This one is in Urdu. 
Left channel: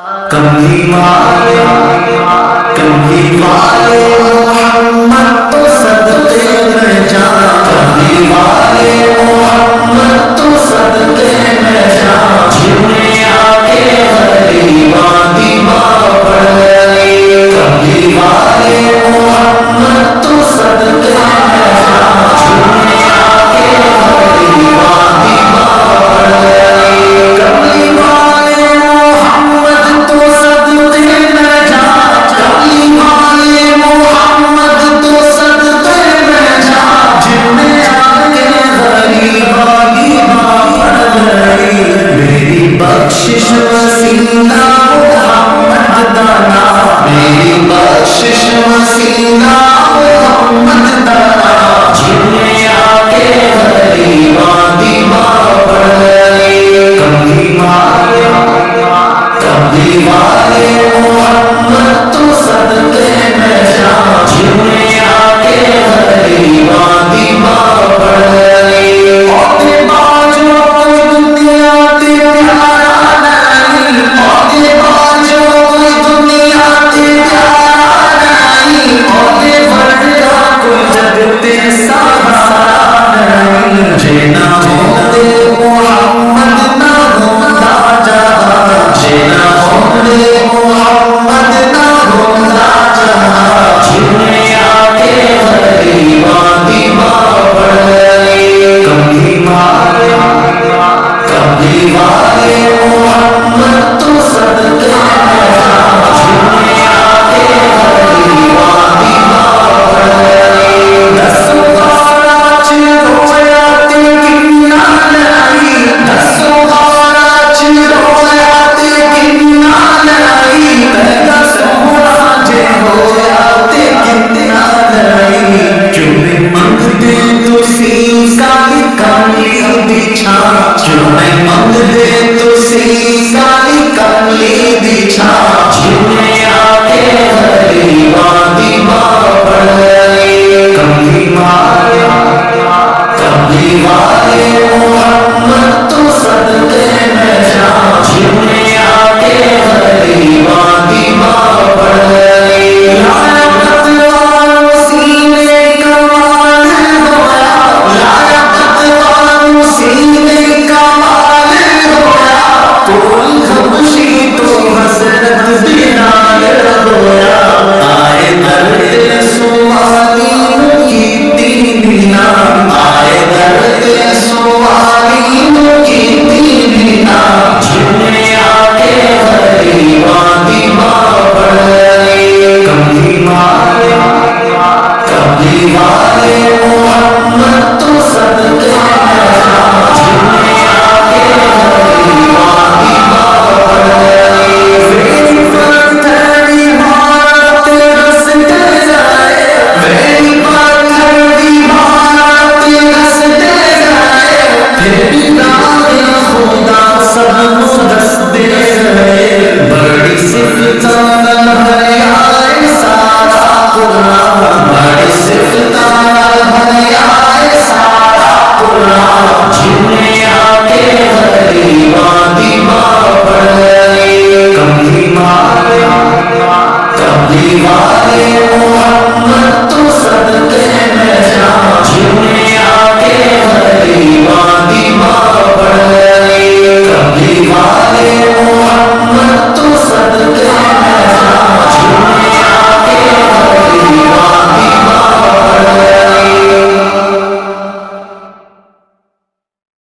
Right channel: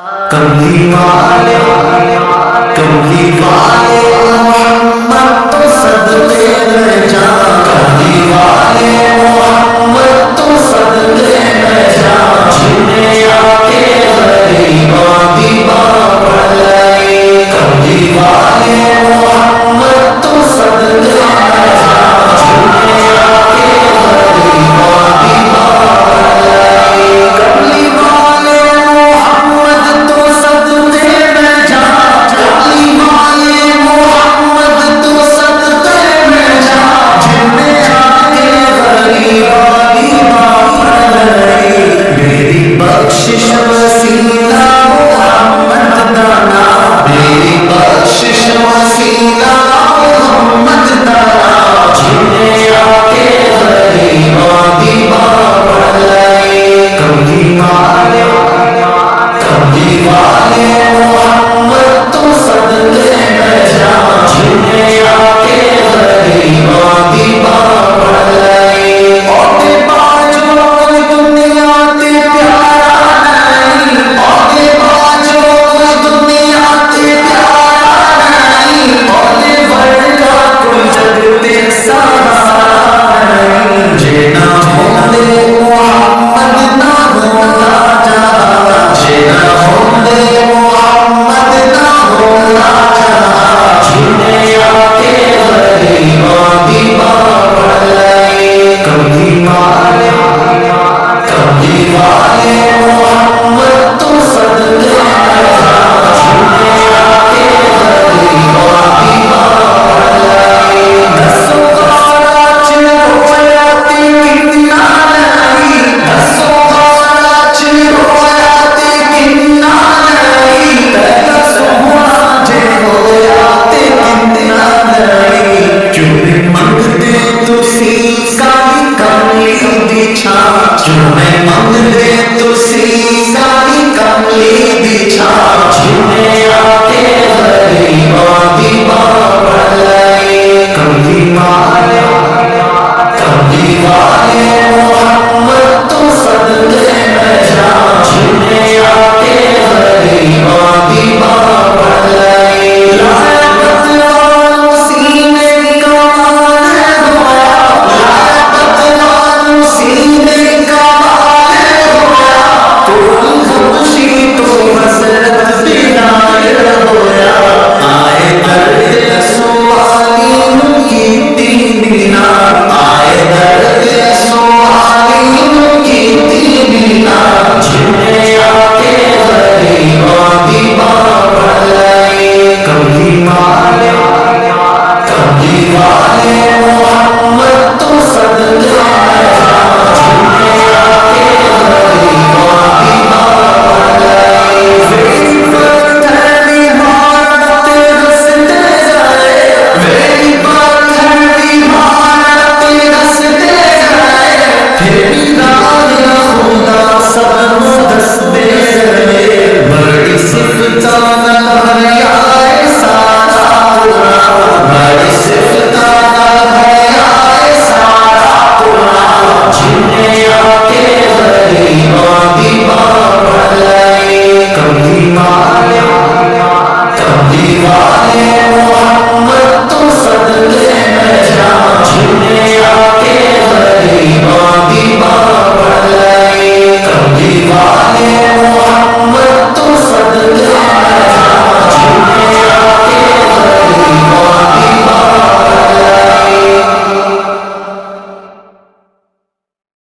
کملی والے محمد تو صدقے میں جان، کملی والے محمد تو صدقے میں جان، جنہیں آ کے غریباں دی ماں پڑھ لائی، کملی والے محمد تو صدقے میں جان، جنہیں آ کے غریباں دی ماں پڑھ لائی، کملی والے محمد تو صدقے میں جان، کملی والے محمد تو صدقے میں جان، جنہیں آ کے غریباں دی ماں پڑھ لائی، میری بخشش وسیلہ محمد دانا، میری بخشش وسیلہ محمد دانا، جنہیں آ کے غریباں دی ماں پڑھ لائی، کملی والے محمد تو صدقے میں جان، جنہیں آ کے غریباں دی ماں پڑھ لائی، عہدے باجو کوئی دنیا تے پیارا نہیں، عہدے باجو کوئی دنیا تے پیارا نہیں، عہدے ورگا کوئی جگ تے سہارا نہیں، جے نہ ہوندے محمد نہ ہوندا جہاں، جے نہ ہوندے محمد نہ ہوندا جہاں، جنہیں آ کے غریباں دی ماں پڑھ لائی، کملی والے محمد تو صدقے میں جان، جنہیں آ کے غریباں دی ماں پڑھ لائی، دسو غارہ چ رویا تے کنا لائی، دسو غارہ چ رویا تے کنا لائی، تیرا سونا جے ہویا تے کنا لائی، کیوں نہیں منگدے تسی کالی کملی دی چھاں، کیوں نہیں منگدے تسی کالی کملی دی چھاں، جنہیں آ کے غریباں دی ماں پڑھ لائی، کملی والے محمد تو صدقے میں جان، جنہیں آ کے غریباں دی ماں پڑھ لائی، لایا بتوانو سینے کمال ہویا، لایا بتوانو سینے کمال ہویا، کوئی حبشی تو حضرت بلال ہویا، آئے درد سوالی نو کیتی نینا، آئے درد سوالی نو کیتی نینا، جنہیں آ کے غریباں دی ماں پڑھ لائی، کملی والے محمد تو صدقے میں جان، جنہیں آ کے غریباں دی ماں پڑھ لائی، میری پتھر بھی مارتے رستے جائے، میری پتھر بھی مارتے رستے جائے، پھر بھی راہ خدا سب نو دس دے گئے، بڑی صفتاں نال بھریا